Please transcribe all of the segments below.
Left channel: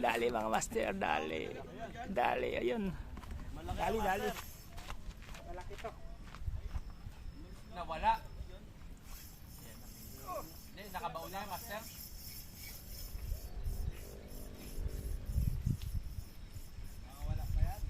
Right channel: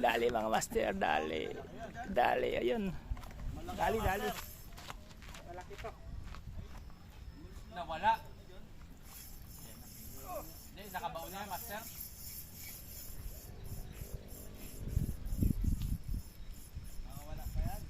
Dali mga master, dali. Dali, ayun. Dali, dali. Malaki to. Nawala. Hindi, nakabaw na master. Nakawala pa yan.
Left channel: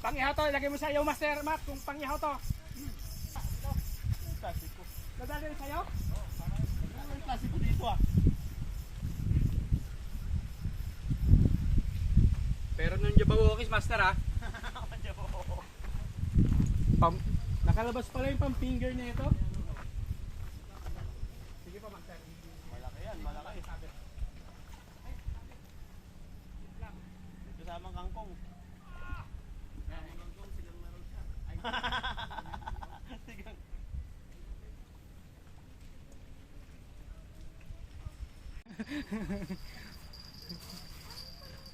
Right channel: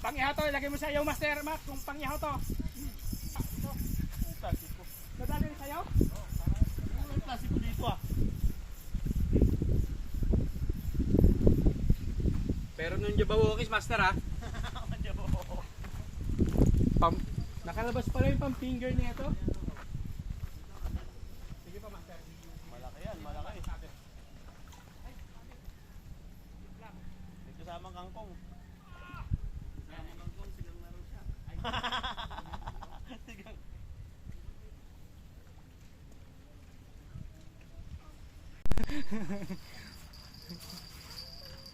Pangihaw to, ilagay mo sa iyo master Matt kung pangihaw to. Ito. Nadali rin sa'yo? Klasiko dito ah. Pero nung jabawokis master ah. Nakalabas pala yung pang finger niya ito. Sige pa master. Malaki yan, malaki. Ito samang kangkong. Samang kangkong, sigang meron siya. Sigang.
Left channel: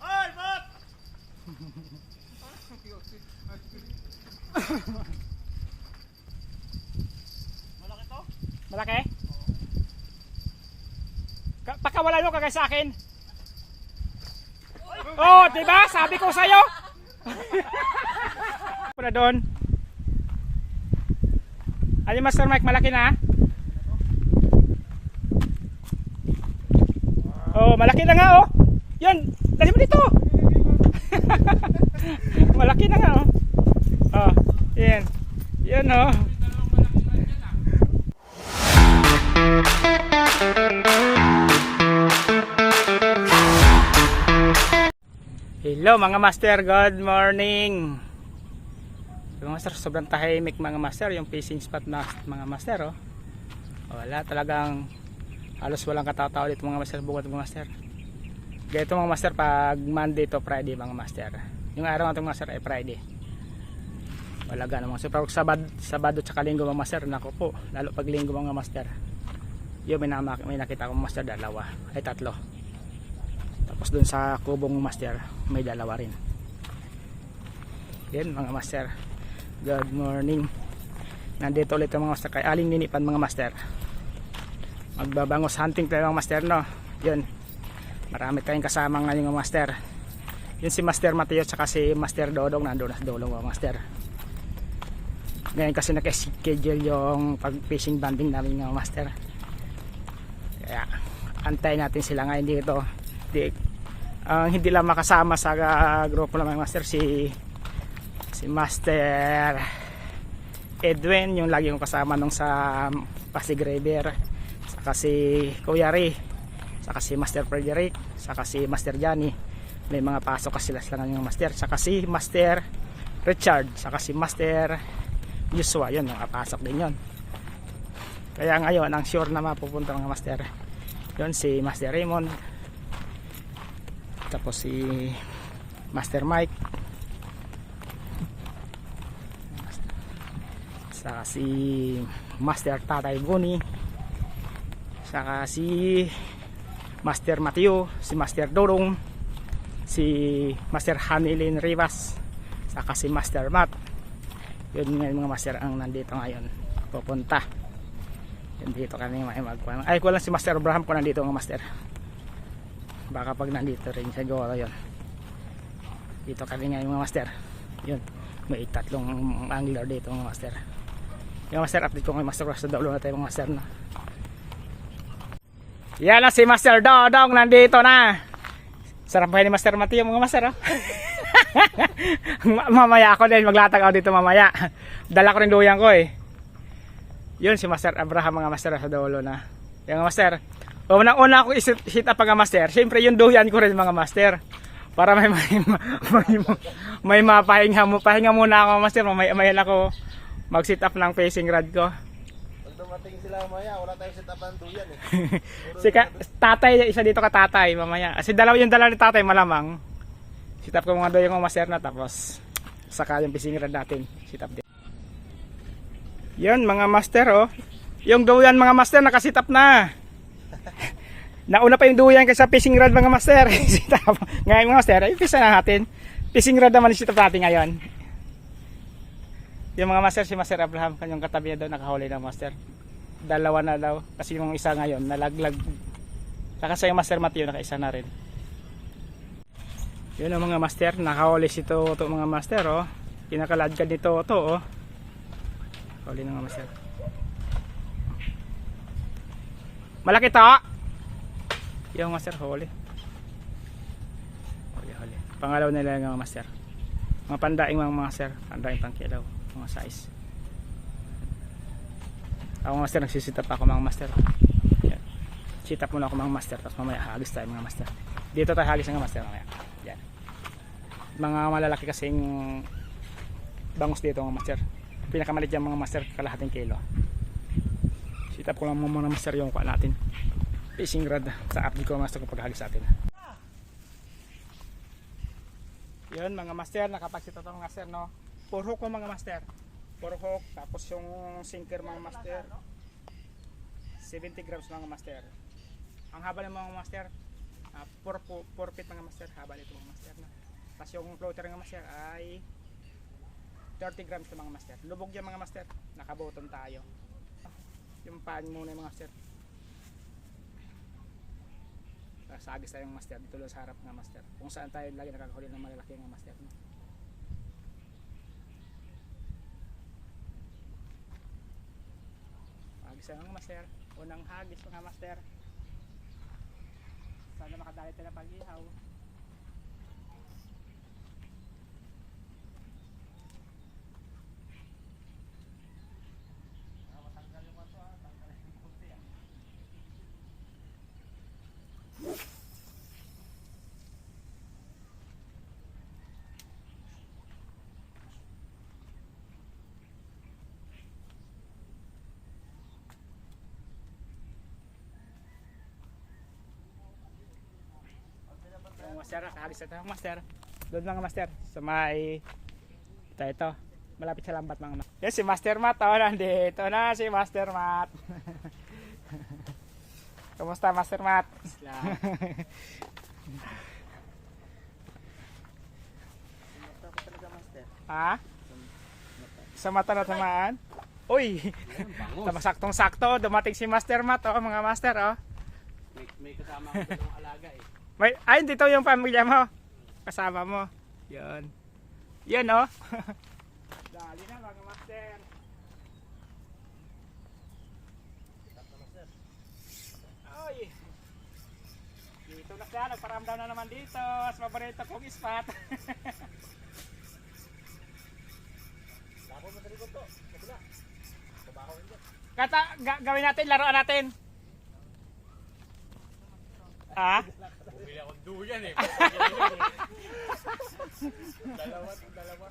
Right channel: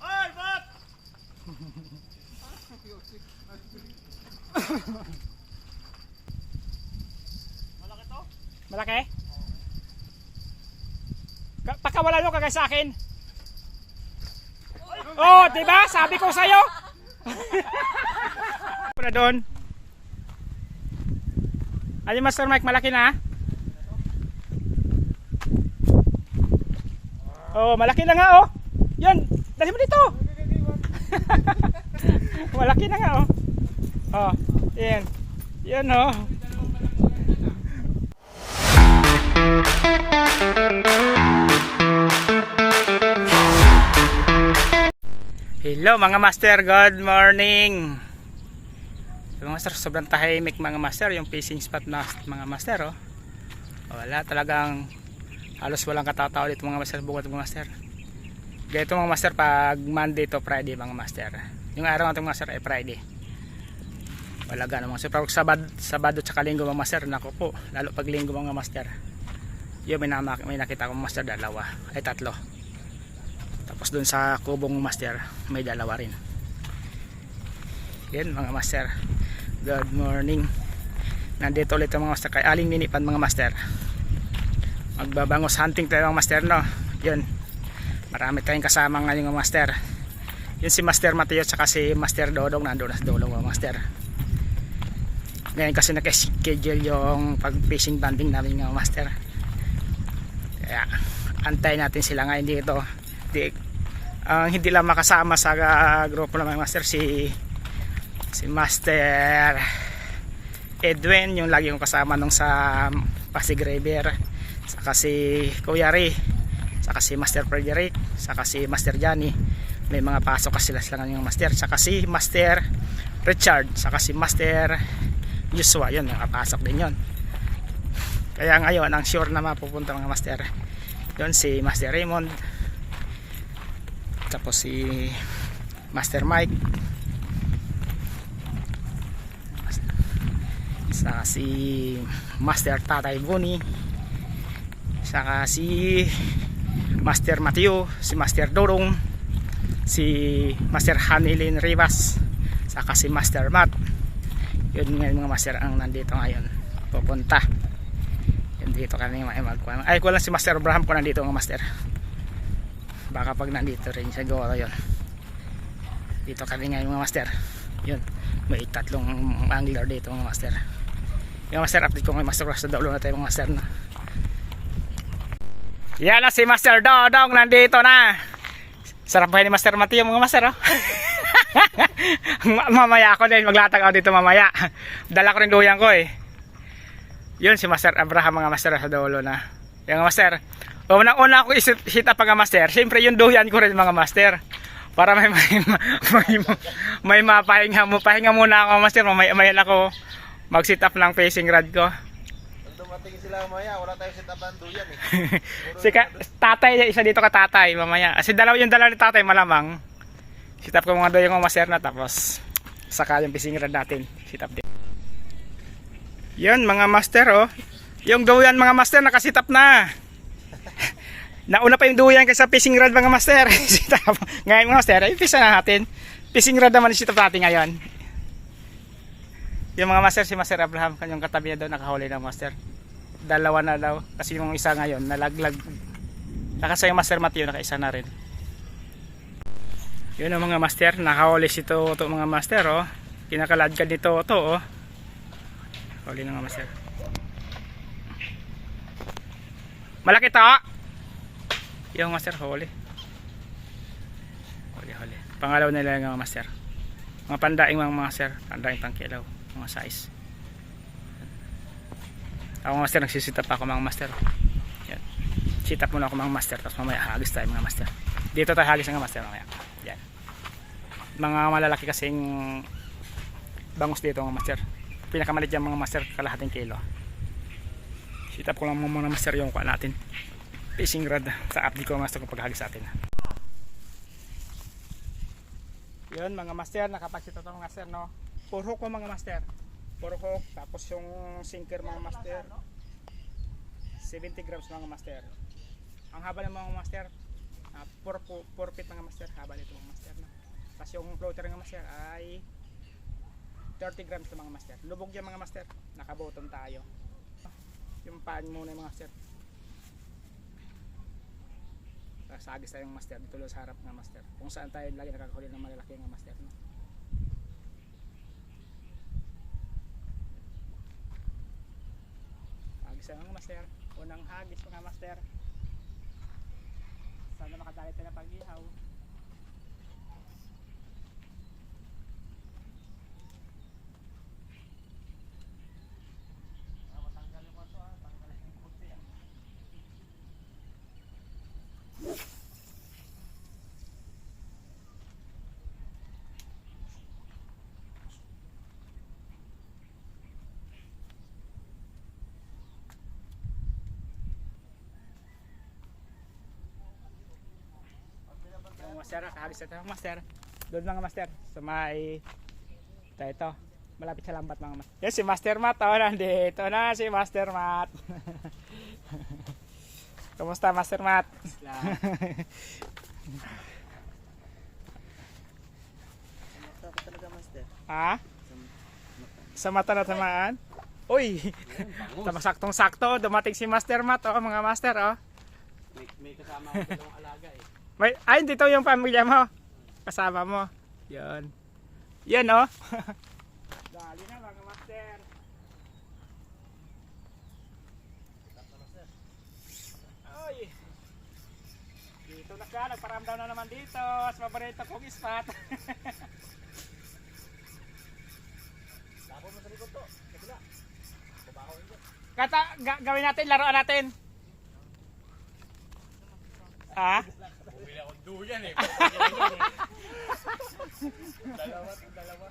Ay, Matt! Malaki to? Malaki? Pakawala nyo kagay sa akin. Oh, diba? Sabi ko sa'yo. Puna doon. Ayun Master Mike, malaki na. Oh, malaki na nga oh. Yun, dali mo dito. Malaki na nga oh. Oh, yan. Yan oh. Hello mga master, good morning. Mga master, sobrang tahimik mga master yung fishing spot na mga master oh. Wala talagang halos walang katatao dito mga master, bukod mga master. Ganito mga master pag Monday to Friday mga master. Yung araw natin mga master ay Friday. Wala gano'n mga master. Pero Sabado tsaka Linggo mga master, nako po, lalo pag Linggo mga master. Yung may nakita kong master tatlo. Tapos dun sa kubong master may dalawa rin. Yan mga master, good morning. Nandito ulit ang mga master kay Aling Ninipan mga master. Magbabangos hunting tayo mga master no. Yun, marami tayong kasama ngayon mga master. Yun si Master Mateo at si Master Dodong nandun na sa dulong mga master. Ngayon kasi naka-schedule yung pag fishing banding namin mga master. Kaya antayin natin sila ngayon dito. Hindi lang makasama sa grupo ng mga master si Master Edwin, yung lagi kong kasama nung sa Pasig River, saka si Kuya Ray, saka si Master Frederick, saka si Master Johnny. May mga pasok kasi sila ng master, saka si Master Richard, saka si Master Joshua, yun nakapasok din yun. Kaya ngayon ang sure na mapupunta mga master yun si Master Raymond, tapos si Master Mike, saka si Master Tatay Boni, saka si Master Mateo, si Master Dorong, si Master Hanilin Rivas, saka si Master Matt. Yun nga mga master ang nandito ngayon pupunta. Yun dito kami magkuhan. Ay ko lang si Master Abraham ko nandito mga master. Baka pag nandito rin siguro yun. Dito kami ngayon mga master. Yun, may tatlong angler dito mga master. Yung master update ko ngayon master, sa daulo na tayo mga master na. Yan na si Master Dodong nandito na. Sarap ba ni Master Mateo mga master oh? Mamaya ako din maglatag ako dito mamaya. Dala ko rin duyan ko eh. Yun si Master Abraham mga master sa dulo na. Yung master, unang-una ako i-sit up mga master. Siyempre yung duyan ko rin mga master. Para may mapahinga mo. Pahinga muna ako master. Mamaya ako mag-sit up ng facing rod ko. Dumating sila mamaya, wala tayong set up ng duyan eh. Si tatay, isa dito ka tatay mamaya. Kasi yung dala ni tatay malamang. Sit up ko mga doon yung master na, tapos saka yung fishing rod natin. Sit up din. Yun mga master oh. Yung doyan mga master nakasit up na. Nauna pa yung duyan kaysa fishing rod mga master. Ngayon mga master, ay pisa na natin. Fishing rod naman yung natin ngayon. Yung mga master, si Master Abraham, kanyang katabi na daw nakahuli ng master. Dalawa na daw. Kasi yung isa ngayon, nalaglag. Nakasa yung Master Mateo, nakaisa na rin. Yun ang mga master, nakahuli si Toto mga master, oh. Kinakaladkad ni Toto, oh. Huli na mga master. Malaki to! Yung master, huli. Huli. Pangalaw nila yung mga master. Mga pandaing mga master, pandaing pangkilaw, mga size. Ako master, nagsisitap ako mga master. Yan. Sit up muna ako mga master, tapos mamaya hagis tayo mga master. Dito tayo hagis ng master mamaya. Yan. Mga malalaki kasing bangus dito mga master. Pinakamalit dyan mga master, kalahating kilo. Sit up ko lang muna master yung kuha natin. Fishing rod sa update ko master kung paghagis natin. Yun mga master, nakapagsita ito mga master, no? Puro hook ko mga master. Puro hook, tapos yung sinker mga master 70 grams mga master. Ang haba ng mga master 4 feet mga master, haba nito mga master, no? Tapos yung floater mga master ay 30 grams ng mga master. Lubog yan mga master, nakabotom tayo. Yung paan muna yung mga master. Sagis tayong master dito lang sa harap ng master, kung saan tayo lagi nakakahuli ng malalaki ng master, no? Hagis ang mga master, unang hagis mga master. Sana makadali tayo ng pag-ihaw. Yung master, nakahagis na tayo master. Doon mga master, sa may ito, malapit sa lambat mga master. Yan si Master Matt, oh, nandito na si Master Matt. Kumusta Master Matt? Ha? Sa mata na tamaan? Uy! Saktong sakto, dumating si Master Matt, oh, mga master, oh. May kasama ako dalawang alaga eh. Ay, dito yung pamilya mo. Kasama mo. Yan. Yan, oh. Dali na mga master. Ay. Dito na siya. Nagparamdam na naman dito. Sa paborito kong spot. Lako mo sa likod to. Kabila. Babaho rin. Gawin natin, laruan natin. Ah? Bumili akong duyan eh. Dalawa.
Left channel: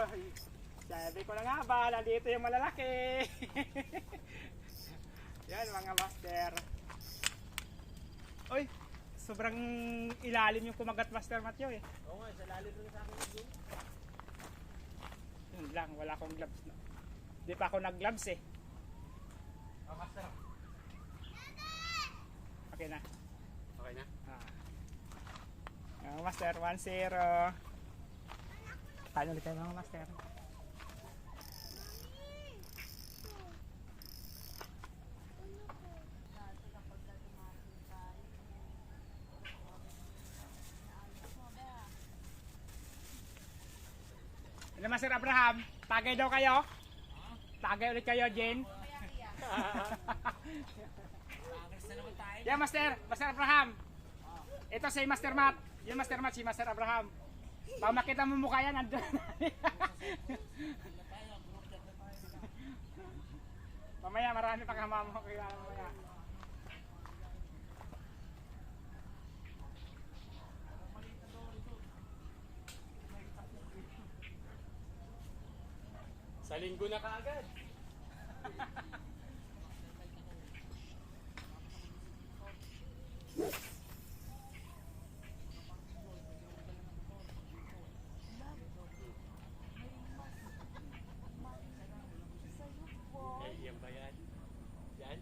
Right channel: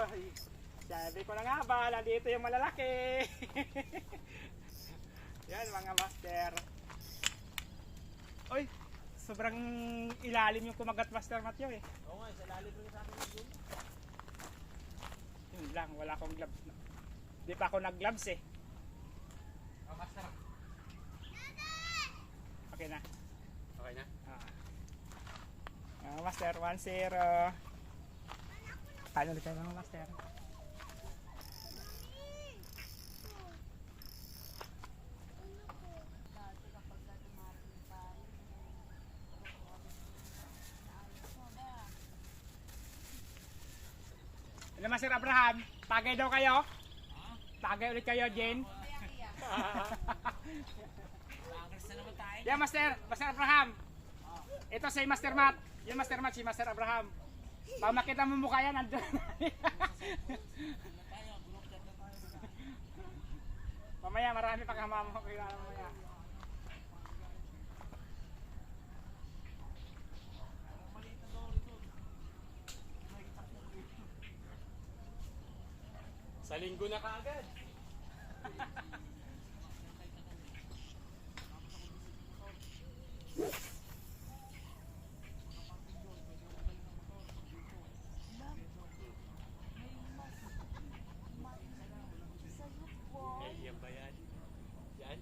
Ay, sabi ko na nga ba, nandito yung malalaki. Yan mga master. Uy, sobrang ilalim yung kumagat Master Matthew eh. Oo nga, sa lalim rin sa akin yun. Yun lang, wala akong gloves. Di pa ako nag-gloves eh. Master. Okay na. Okay na? Master, 1-0. Paano ulit tayo mga master? Ano Master Abraham? Tagay daw kayo? Tagay ulit kayo, Jane? Yeah, Master Abraham. Ito si Master Matt. Yung Master Matt, si Master Abraham. Pag makita mo mukha yan, andun. Mamaya, marami pang hamam mo. Kaya mamaya. Sa linggo na kaagad. Ay, yan ba yan? Yan?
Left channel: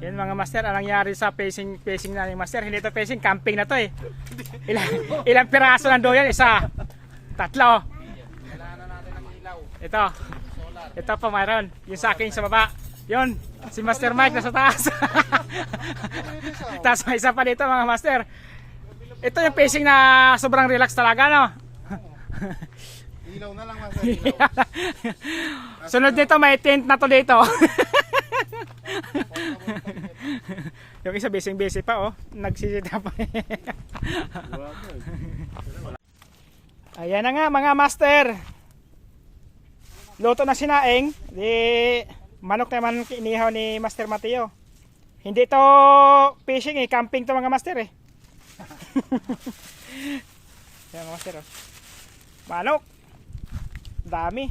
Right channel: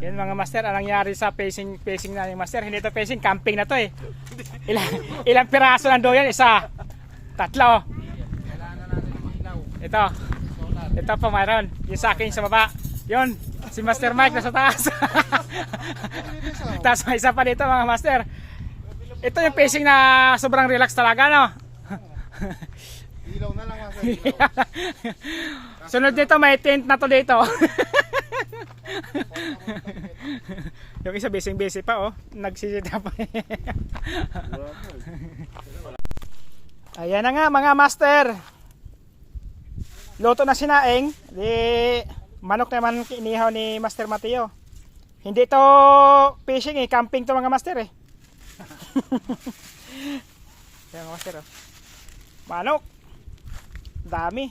Yan mga master, anong nangyari sa pacing na yung master? Hindi to pacing, camping na to eh. Ilang piraso ng doyan? Isa, tatlo. Kailangan na natin ng ilaw. Ito. Solar. Ito pa mayroon. Yung sa akin sa baba. Yun. Si Master Mike nasa taas. Tapos may isa pa dito mga master. Ito yung pacing na sobrang relax talaga, no? Ilaw na lang mas. Sunod dito may tent na to dito. Yung isa busy pa oh. Nagsisita pa. Ayan na nga mga master. Luto na sinaing. Di manok naman inihaw ni Master Mateo. Hindi to fishing eh, camping to mga master eh. Yan mga master oh. Manok. Dami.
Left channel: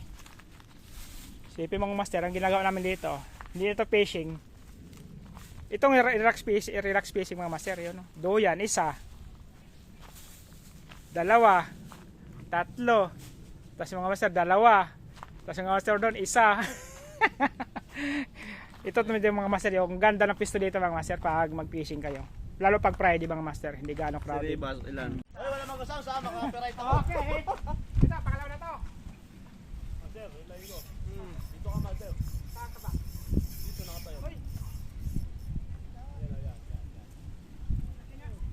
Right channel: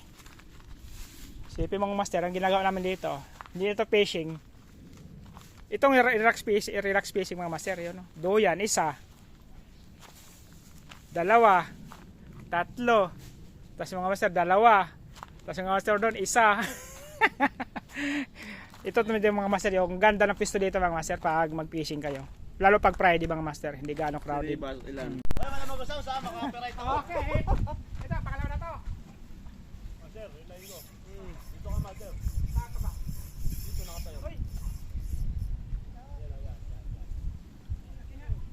Sipin mga master, ang ginagawa namin dito. Hindi ito fishing. Itong relax fishing mga master yun. No? Doyan, isa. Dalawa. Tatlo. Tapos mga master, dalawa. Tapos mga master doon, isa. Ito yung mga master, yung ganda ng pisto dito mga master pag mag-fishing kayo. Lalo pag Friday mga master, hindi gaano crowded. Ilan? Ay, wala mag-usap sa maka-operate ako. Okay. Ito, pangalawa na to. Master, ilay ko. Dito ka master. Saan ka ba? Dito nakatayo. Hoy.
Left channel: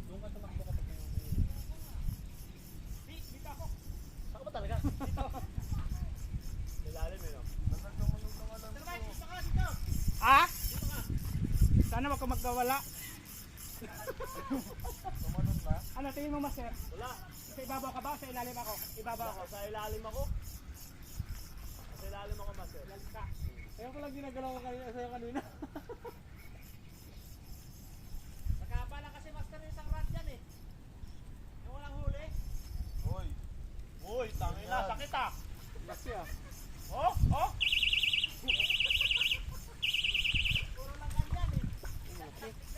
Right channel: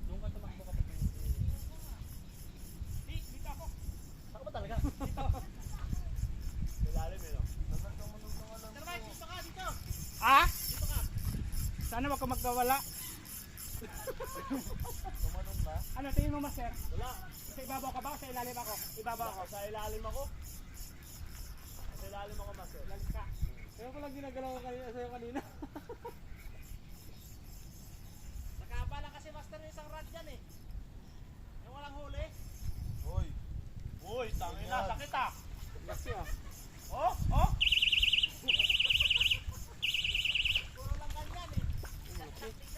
Doon ka tumakbo ka. Dito ako. Saka ba talaga? Dito. Ilalim eh no? Nasaan ka manong alam ko? Dito ka, dito. Ah? Sana wag ka magkawala. Tumanong na? Ano tingin mo master? Wala. Sa ibabaw ka ba o sa ilalim ako? Ibabaw ako. Sa ilalim ako. Sa ilalim ako master. Ilalim ka. Kaya ko lang ginagalaw ko kanina. Nakabala kasi master ng isang rod yan eh. Yung walang huli. Hoy. Hoy, tangin na, sakit ah. Kasi ah. Oh, oh.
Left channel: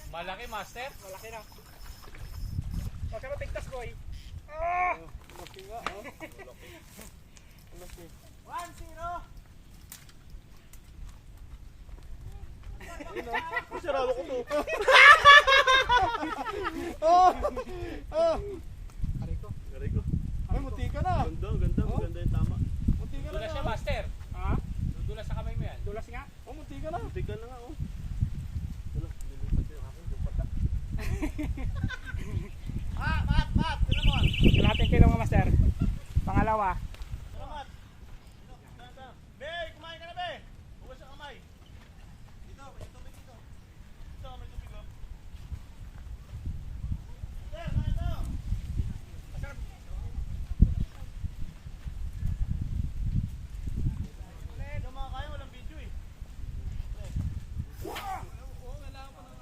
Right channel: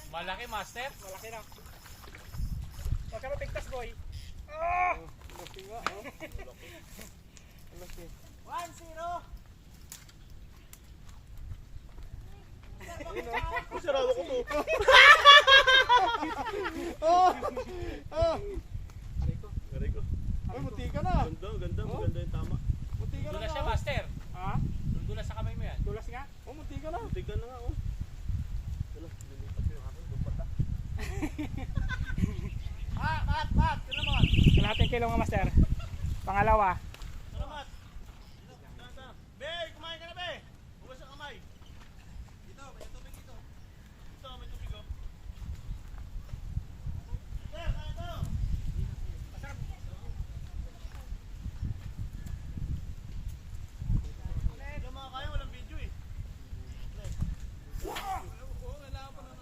Malaki master. Malaki na. Huwag ka mapigtas boy. Oh! Malaki nga oh. Malaki. 1-0. Ayun oh. Sarado ko to. Ari ko. Gari ko. Ay, muti ka na. Ganda yung tama. Muti ka na. Dulas siya master. Ha? Dulas sa kamay mo yan. Dulas nga. Oh, muti ka na. Buti ka na nga oh. Dulas, lilipat ko yung akin. Lumpat na. Mat! Pinamon! Kalahating kilo mga master. Pangalawa. Salamat! Be! Kumain ka na be! Huwag sa kamay! Dito, may tubig dito. Dito, may tubig oh. Sir, na ito! Hindi mga kain, walang video eh.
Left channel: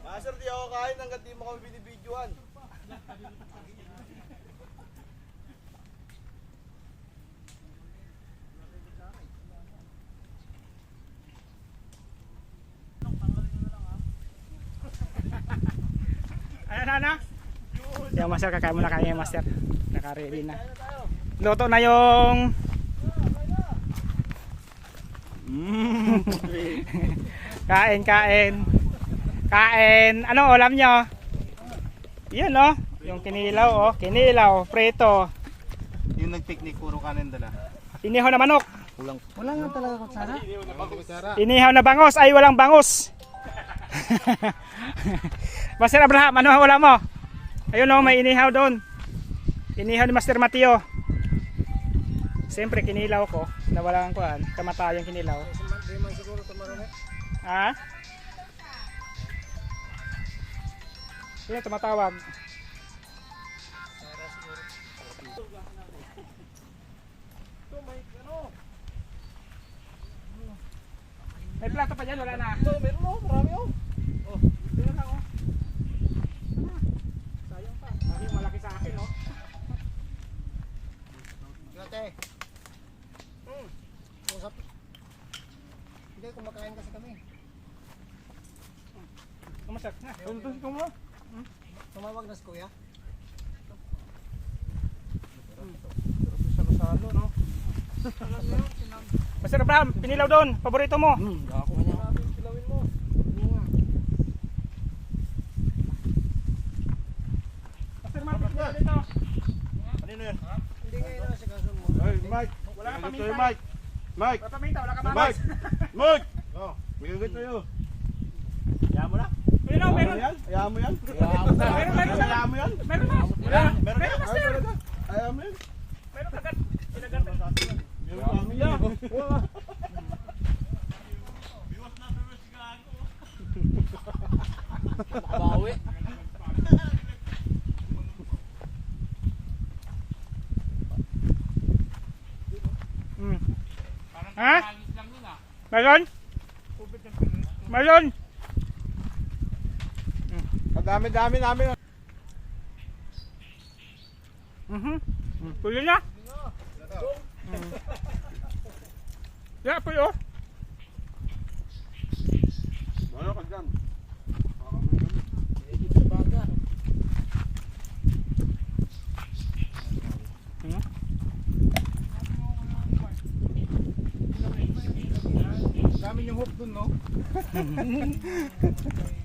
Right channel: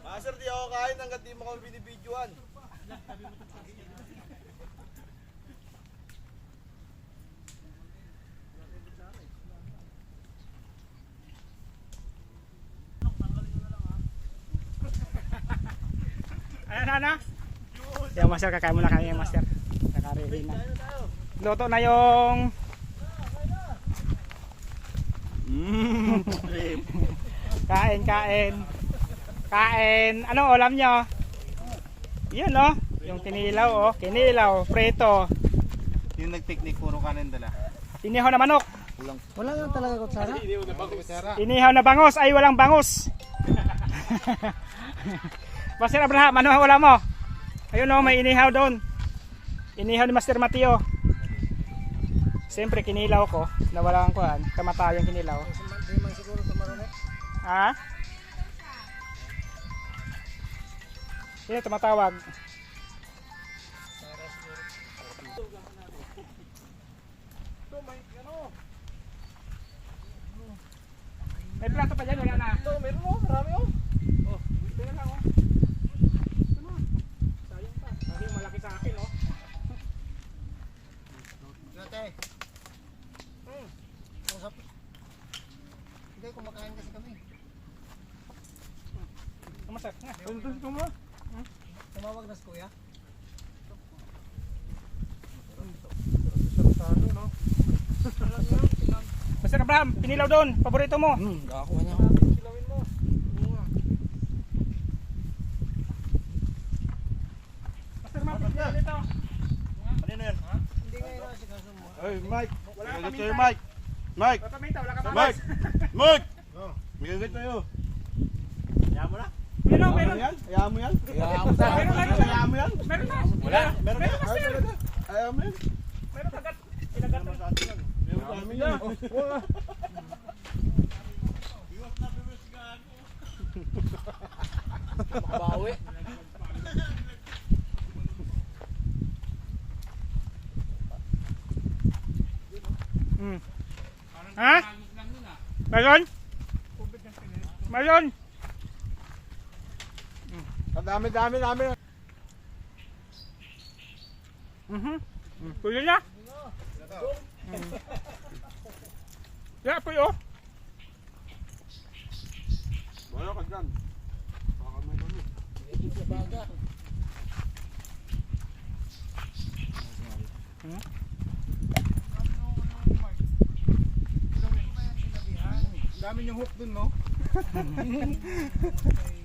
Master, di ako kain hanggat di mo kami binibidyoan. Ano? Yung master, kakain muna kami yung master. Naka-ready na. Luto na yung... Kain. Anong ulam nyo? Yun no? Yung kinilaw oh. Kinilaw, preto. Yung nag-picnic, puro kanin dala. Inihaw na manok. Wala nga talaga kutsara. Inihaw na bangos. Ay, walang bangos. Master Abraham, ano ang wala mo? Ayun o, may inihaw doon. Inihaw ni Master Mateo. Siyempre, kinilaw ko. Nawala ang kuhan. Kamatayang kinilaw. Di man siguro tumarunit. Ha? Yan, tumatawag. Ito, may ano. May plato pa dyan, wala na. Ito, meron oh, marami oh. Oh, tingnan lang oh. Sayang pa. Kasi malaki sa akin oh. Gate. Usap. Hindi, kumakain kasi kami. Kumasat na. Tuntun ko mo. Tumawag na si kuya. Salo-salo no? Master Abraham, kinilaw doon. Paborito mo. Ako na. Silawin mo. na. Dito. Kanino yan? Hindi ngayon nasagasan mo. Hey, Mike. Wala kang Mike. paminta. Mike. Mike. Wala paminta, wala kang Mike. mamas. Mike. Oh, bigyan tayo. Ayaw mo na? Meron, meron. Ayaw mo yan? Meron, meron. Ayaw mo yan? Meron na. Meron Meron, master. Ayaw mo yan? Meron agad. Kinagat na. Ayaw mo yan. Wala. Makabawi. Ha? Meron? Meron. Ang dami-dami namin. Tuloy na. Yeah, puyo. Wala ka dyan. Dami yung hook dun, no?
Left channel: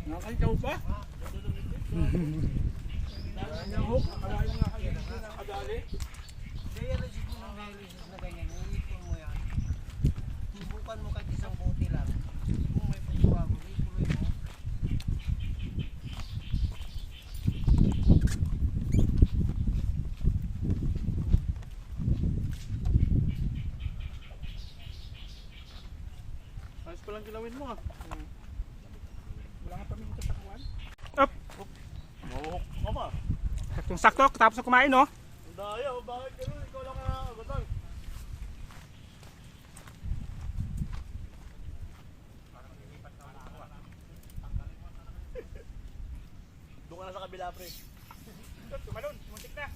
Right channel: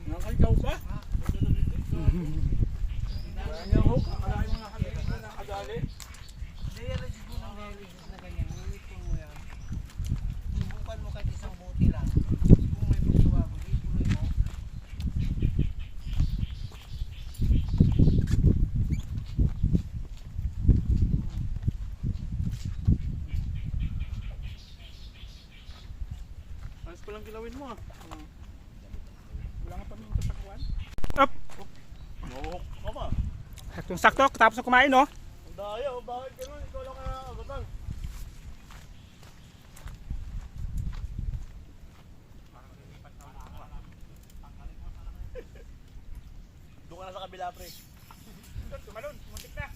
Nakakaw ba? Yung hook, wala yung nakadali. Dialysis mo ng dialysis na ganyan. Iipin mo yan. Subukan mo kahit isang buti lang. Kung may pagbabago, ituloy mo. Ayos pa lang kilawin mo, ah. Wala nga paminta sa kuwan. Hook ka ba? Sakto, tapos na kumain, no? Ang daya, bakit ganun? Ikaw lang kaya agatan. Doon ka na sa kabila, pre. Tumalon, muntik na.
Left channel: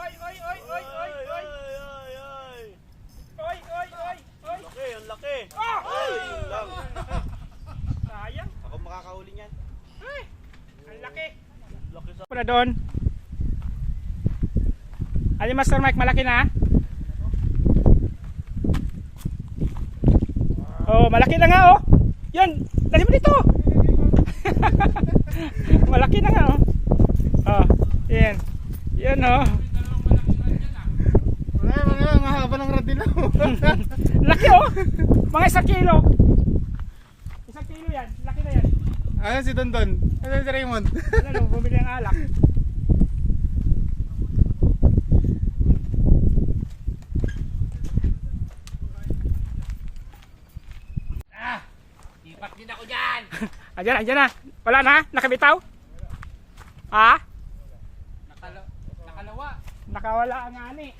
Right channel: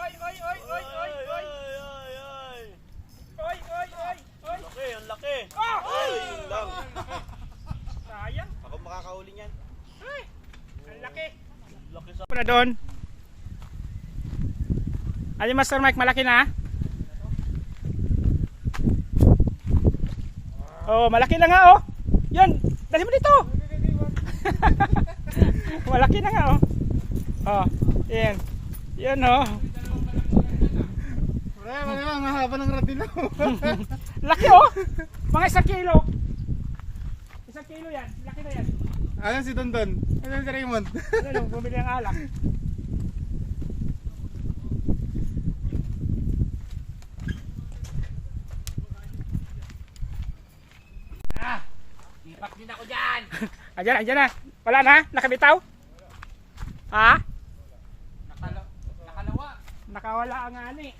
Oy, oy, oy, oy, oy, oy. Ay! Oy, oy, oy, oy. Laki, ang laki. Ah! Ay, yun lang. Sayang. Ako makakahuli niyan. Ay, ang laki. Laki sa... Na doon. Ayun, Master Mike, malaki na. Oh, malaki na nga, oh. Yun, dali mo dito. Malaki na nga, oh. Oh, yan. Yan, oh. Wala, ang haba ng radilo. Laki, oh. Mga 1 kilo. 1 kilo yan. Laki na yan. Ayan si Dondon. Ayan si Raymond. Ano, bumili ng alak. Ipat din ako dyan. Andyan, andyan na. Wala na, nakabitaw. Ha? Nakalawa. Nakawala ang ani.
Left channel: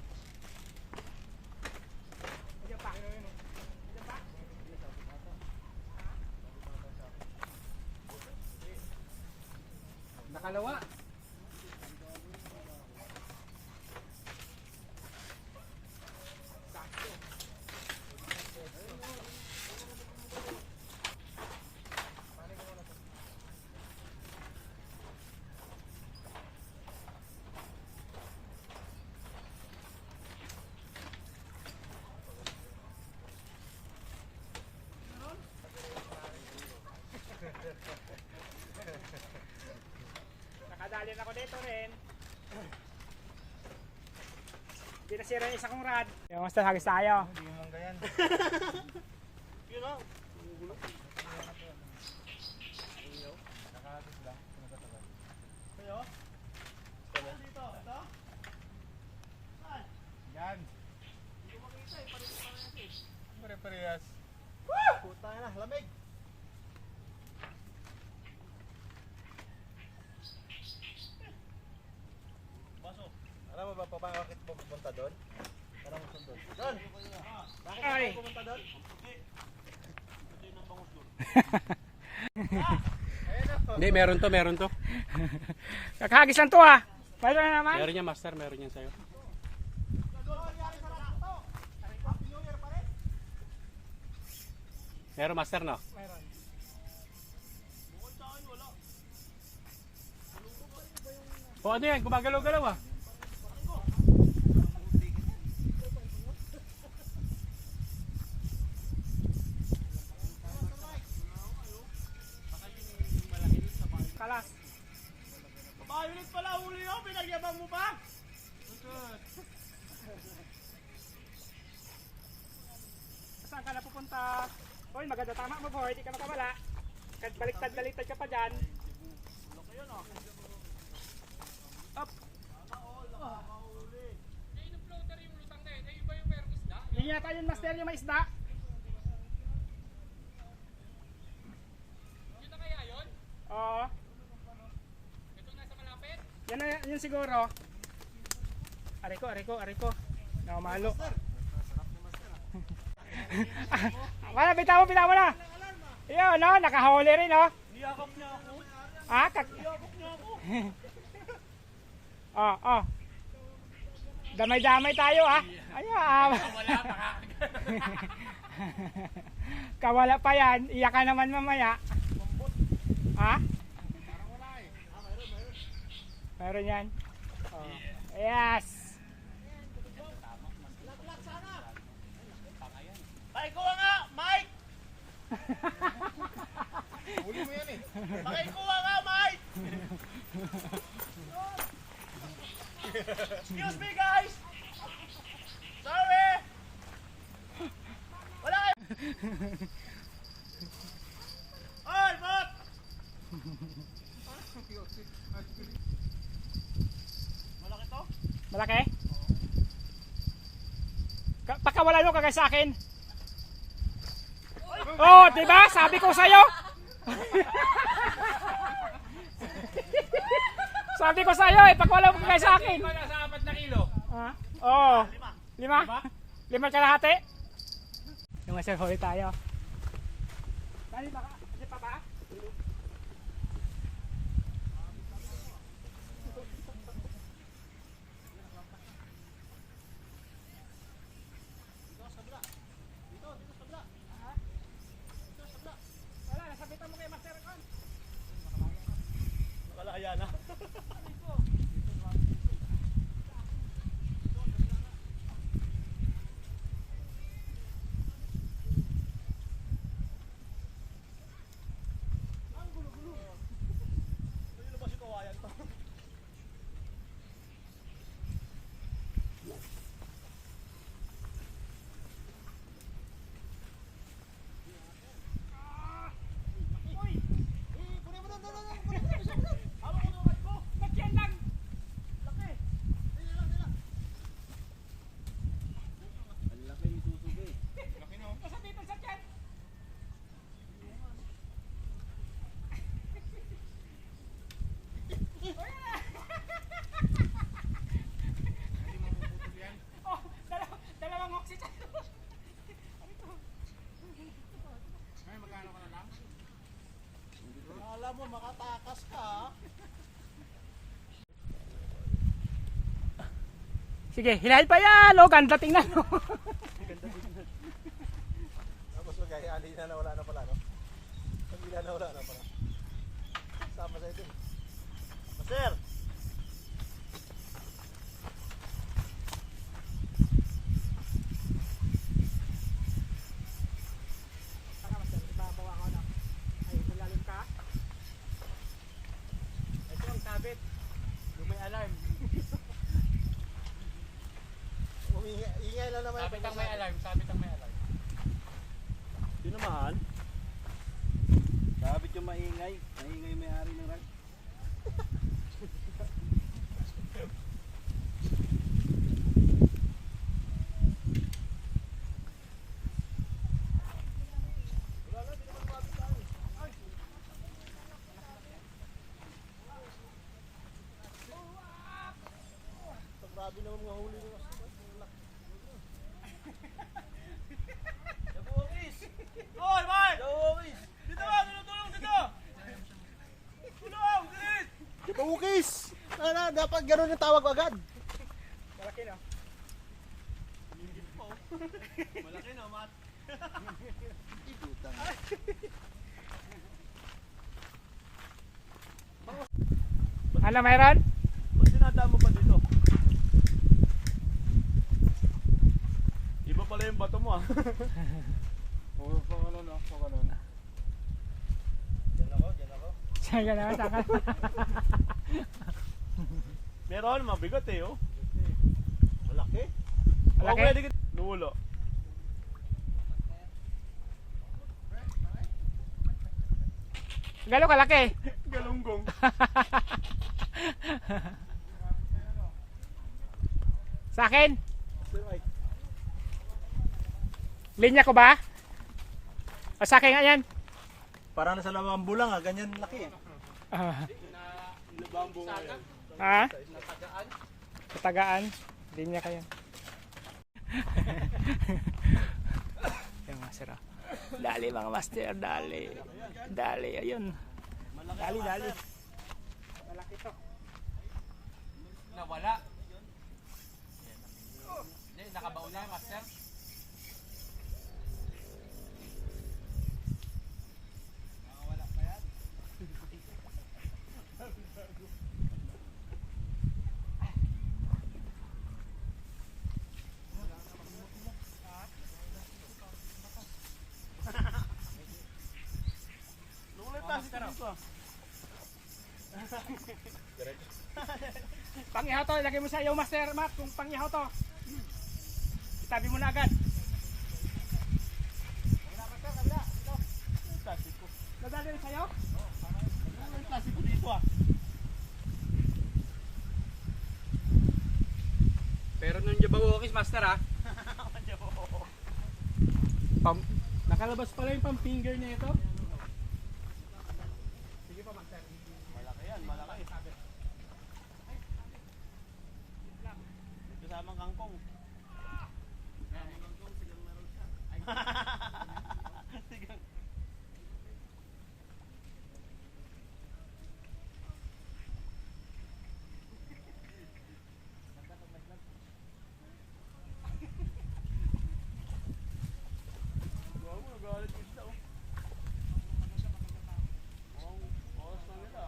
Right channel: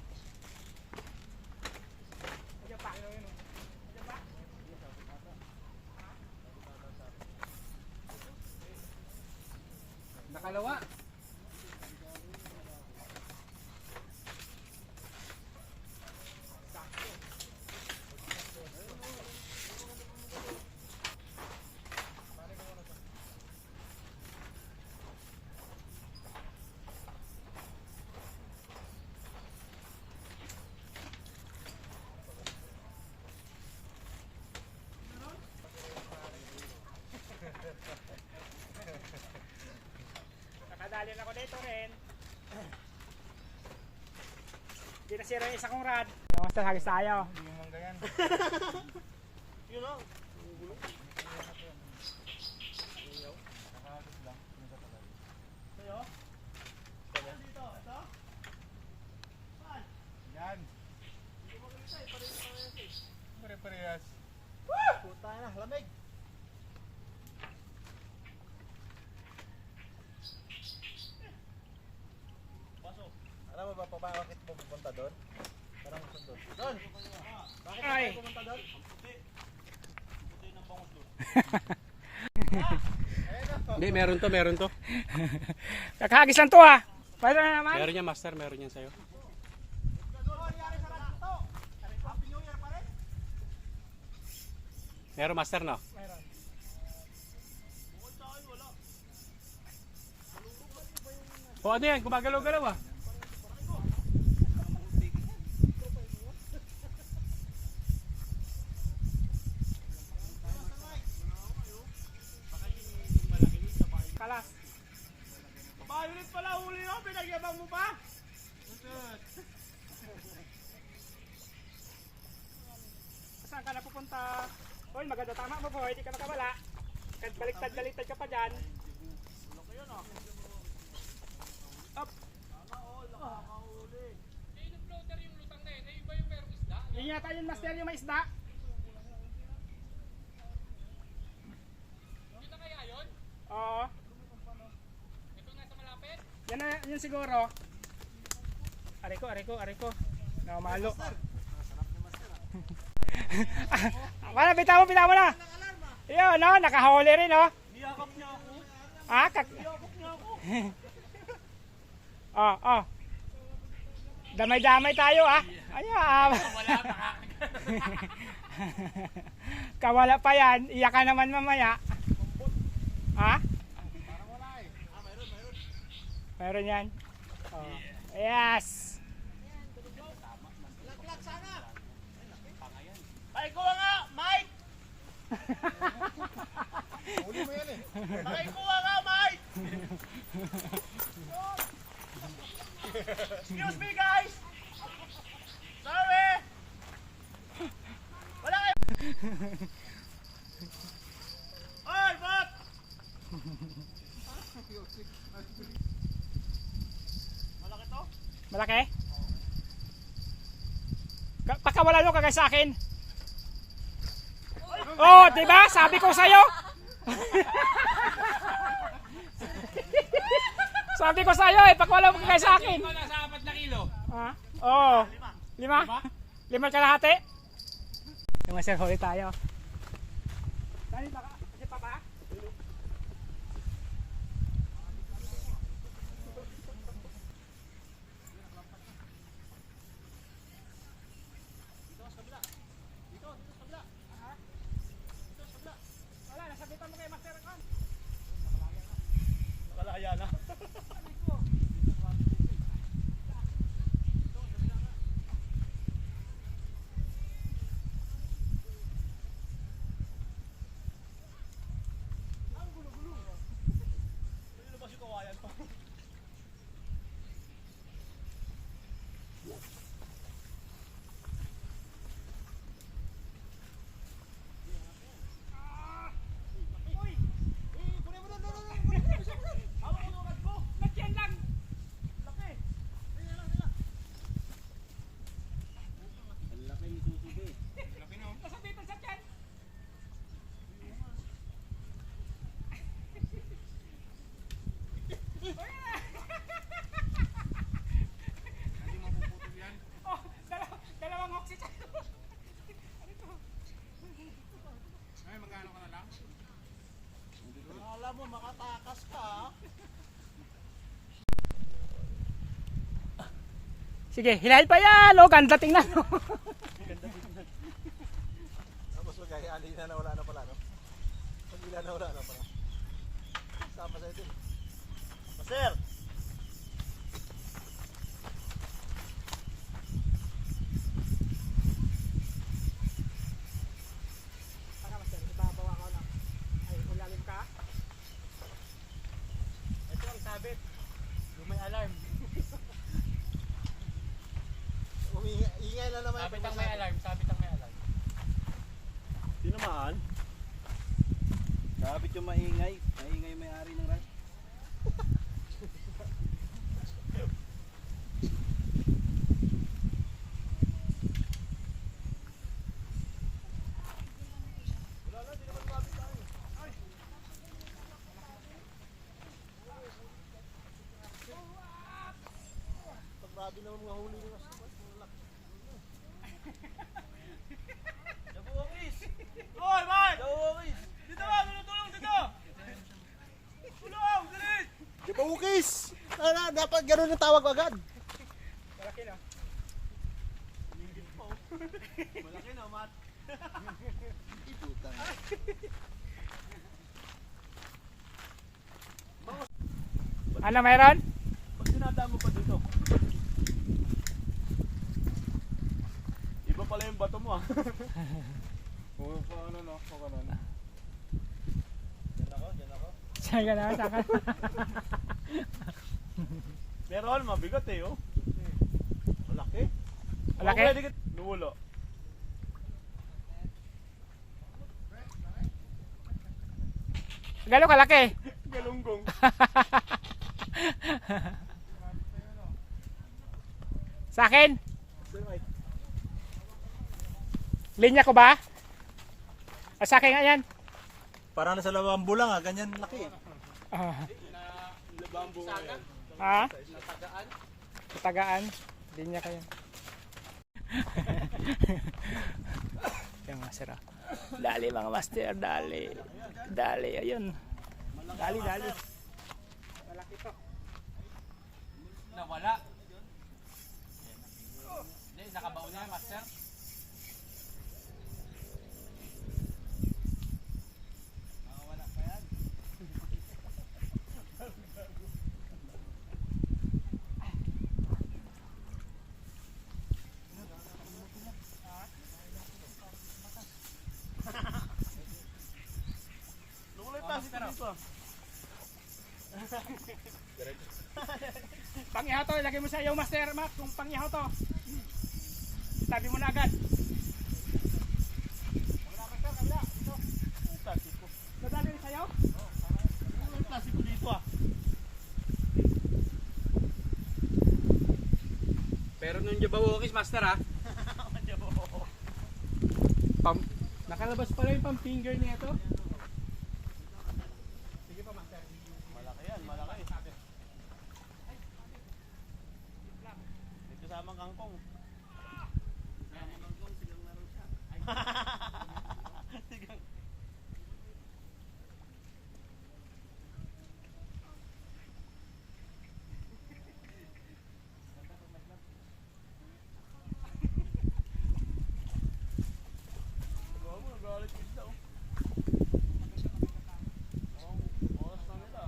Andyan pa. Andyan pa. Nakalawa. Nakadali na ako dito rin. Hindi nasira yung isa kong rad. Yung basta hagis tayo. Yun o. Yan. Pare-parehas. Puta na, lamig. Baso. Alam mo ba pa bakit pupunta doon? Parang sundo. Doon! Bakit Ay. ako pumunta doon? Puti ng bangus doon. Hindi, meron to. Nakahagis lang to, ha. Mayroon na naman. Meron yan, master, meron yan sa'yo. Meron, master, no? O ano yan, gumagalaw-galaw ah. kalas. Violet pala huli nyo, pinagyabang mo pa? Saan ka na pupunta? Hoy, maganda tama mo boy, di ka nakawala. Baliktad-baliktad ka pa dyan. Up. Yun yata yun, master, yung may isda. Yun na kaya yun? Oo. Ito nasa malapit? Yan na yun siguro. Ariko. Nakamalo. Wala, bitaw mo na. Iyo, no, nakahuli rin, no. Niyakap niya ako. Ah, Niyakap niya ako. oh. Damay-damay tayo, ah. Ayan. Wala, baka. Kawala pa yan. Iyak ka naman mamaya. Ha? Parang wala eh. Meron yan. Oh. Yes. Pakikuha nga, Mike! Huli mo yan eh. Pakikuha nga, Mike! Excuse me, guys! Sorry! Wala kayo! Oy, Bot! Malaki to? Malaki? Pagkawala nyo kagay sa akin. Oh, diba? Sabi ko sa'yo. Sabi ko sa'yo eh, pagkawala mo kagay sa akin. Ikaw nasa 4 na kilo. Ah, oo. 5? 5 kalahati? Yung masel, huli tayo. Dali baka, di pa ba? Wala, nasabitan mo kay Master Con. Nakalaya na. Ang gulo-gulo. Sino ba si kawayan to? Hawak ko ugat ko. Nagyan lang. Laki. Ang laki ni susubi. Laki no? Nasabitan sa tiyan. Oh, dalawang oxygen. Ay, magkano ka na lang? Alam mo, makatakas ka. Sige, hilahin pa yan. Oh, ganda tingnan mo. Tapos magkaya alina na wala na pala, no? Pag-ila na wala na pala. Sama sa ito. Sir! Saka Master, ibabawa ko na. Ay, ilalim ka. Ito ang sabit. Yung may alarm. Ingay lang naman. Sabit ang may alarm, sabit ang may alarm. Tinamaan? Sabit yung maingay. Maingay may-ari ng ride. Wala na, di naman mabit tayo. Ay! Grabe naman mga huli nyo. Jabuokis! Hoy, man! Jabuokis! Dito ba? Tulong dito! Tulong! Dilit! Jabuokis! Dapat ganun yung tawag agad. Malaki na. Malaki na, Mat. Ano meron? Ba't dinadaan mo pa dito? Iba pala yung bato mo ah. Oo, ano na, o ganun. Diyan ako. Sige na, saka. Meron, mabigat eh, oh. Malaki. Malaki? Oh, pwede ka. Lulo. Galo kalaki. Galunggong. Sa akin? Sir Mike. Linya ko ba? O sa akin nga yan. Parang nasa lamambo lang ah, ganyan laki eh. Ah, Labambo ngayon. ha? Katagaan. Linya kayo. Yan mga sira. Dali mga master, dali. Dali, ayun. Dali, dali. Malaki to. Nawala. Hindi, nakabaw na, master. Lulit tayo dito ah. Pangihaw to, ilagay mo sa iyo master Matt kung pangihaw to. Tabi mo na agad. Kabila master, kabila. Dito. Nadali sa iyo? Lulit tayo dito ah. Pero nung jabawokis, master ha? Nakalabas pala yung pang-finger na ito. Sige pa master. Malaki yan, malaki. May kasamang kangkong. Kasamang kangkong, sigang meron siya. Sigang. Nagalit yung isda oh. Oras na nila.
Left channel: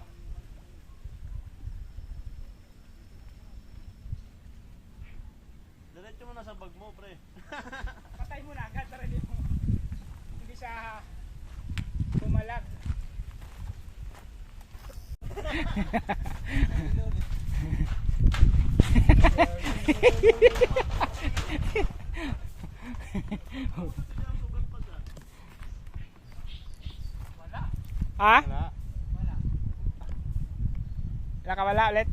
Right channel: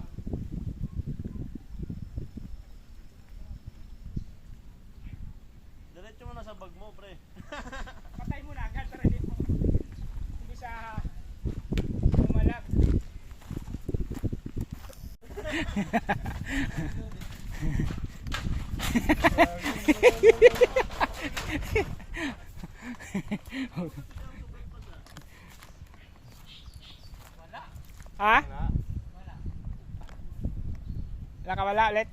Diretso mo na sa bag mo, pre. Patay mo na agad para hindi siya umalag. Ha? Wala. Wala ka wala ulit?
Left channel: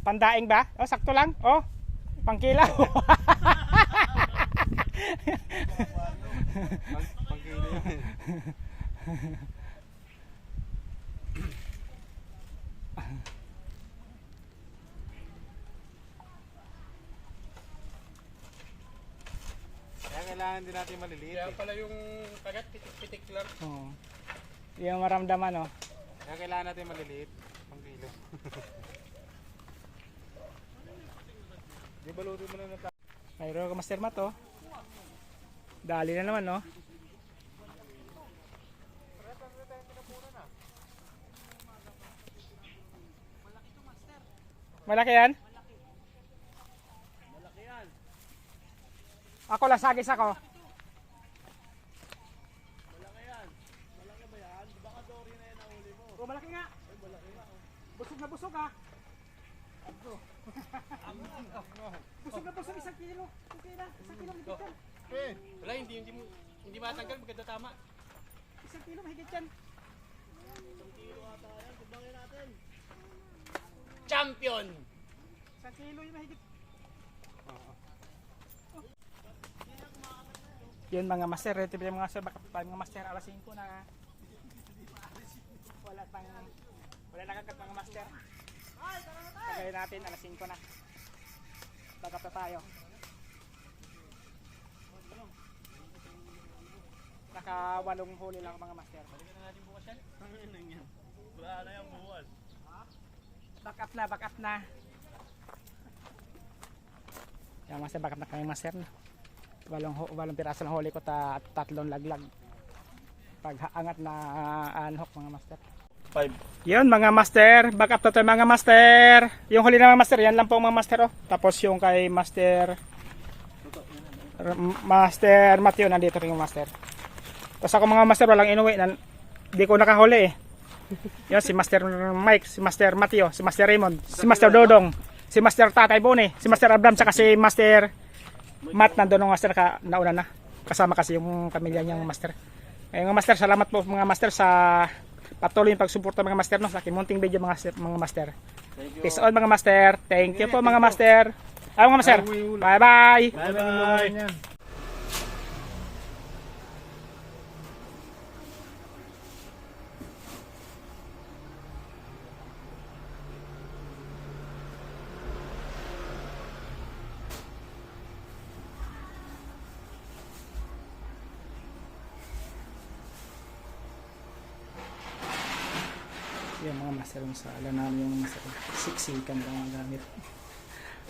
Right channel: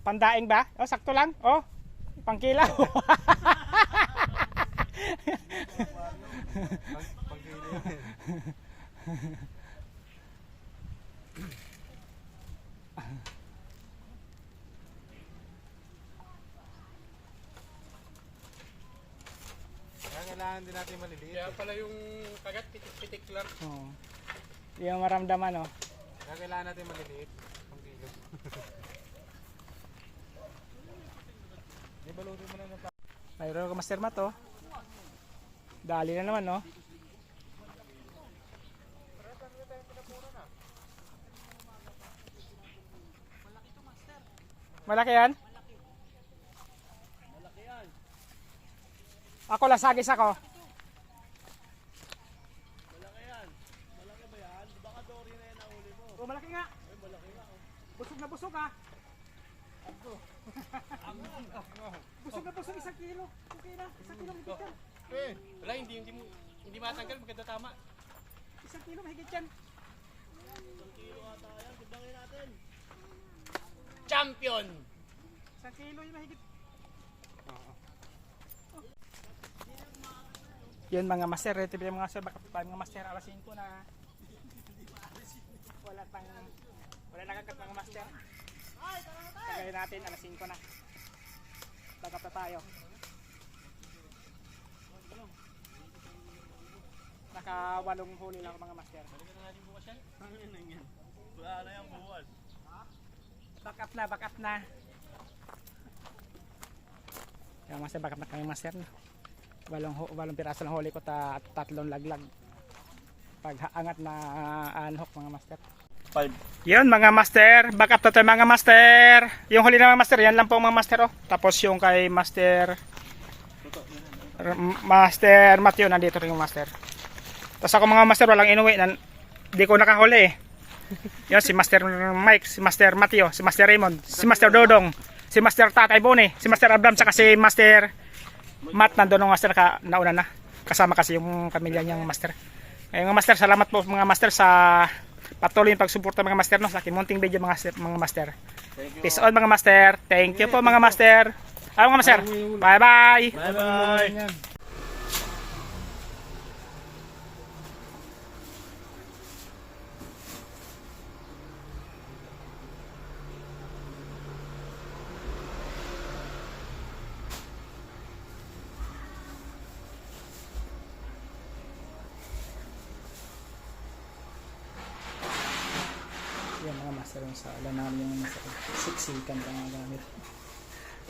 Pandaing ba? Oh, sakto lang. Oh, pangkilaw. Pangkili yan. Kaya kailangan din natin maliliit. Kaya pala yung kagat, pitik-pitik lang. Oh. Yung maramdaman, oh. Kaya kailangan natin maliliit. Pangkilo. Di balutin mo na na Mayroon ka master mat, oh. Dali na naman, oh. Malaki yan? Malaki yan. Ako lang sagis ako. Malaki yan. Malaki ba yan? Baka dory na yan nahuli mo. Oh, malaki nga. Ay, malaki nga. Oh. Busog na busog, ha. Abdo. Busog na busog, 1 kilo. Okay na, 1 kilo mahigit yan. Wala, hindi matanggal, maganda tama. 1 kilo mahigit yan. 1 kilo ata yan. Timbangin natin. Champion! 1 kilo yung mahigit. Yun mga master, ito yung mga master, baka pa mga master, alas 5 na. Wala nakakat mga master. Tagay natin, alas 5 na. Bagap na tayo. Naka 8 huli lang mga master. Balikan na natin bukas yan. Ano yan? Wala na yan bukas. Back up na. Yung master, back up na kami master. 8 piraso lang huli ko, 3 laglag. Pag angat na unhook mga master. 5. Yun mga master, back up to tayo mga master. Yung huli na mga master, yan lang po mga master oh. Tapos yung kay Master Matthew, nandito rin yung master. Tapos ako mga master, walang inuwi, di ko nakahuli eh. Yun si Master Mike, si Master Matthew, si Master Raymond, si Master Dodong, si Master Tatay Boni, si Master Abram, saka si Master Matt, nandun ng master nauna na. Kasama kasi yung pamilya niyang master. Ngayon mga master, salamat po mga master sa patuloy yung pagsuporta mga master no, sa aking munting video mga master. Peace out mga master. Thank you po mga master. Mga master. Bye bye. Bye-bye. Yan mga master yung sa ala namin yung master. Siksikan lang ang gamit.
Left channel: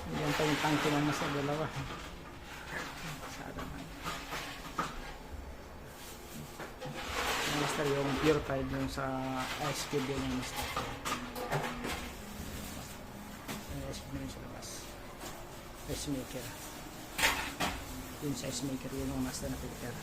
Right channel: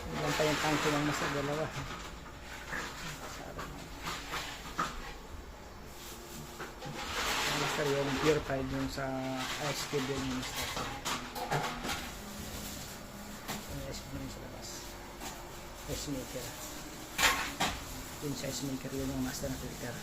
Yan pa yung tangke ng master dalawa. Sada na. Yung master yung purified yung sa ice cube yung master. Yung ice cube yung sa labas. Ice maker. Yung sa ice maker yun yung master na filter.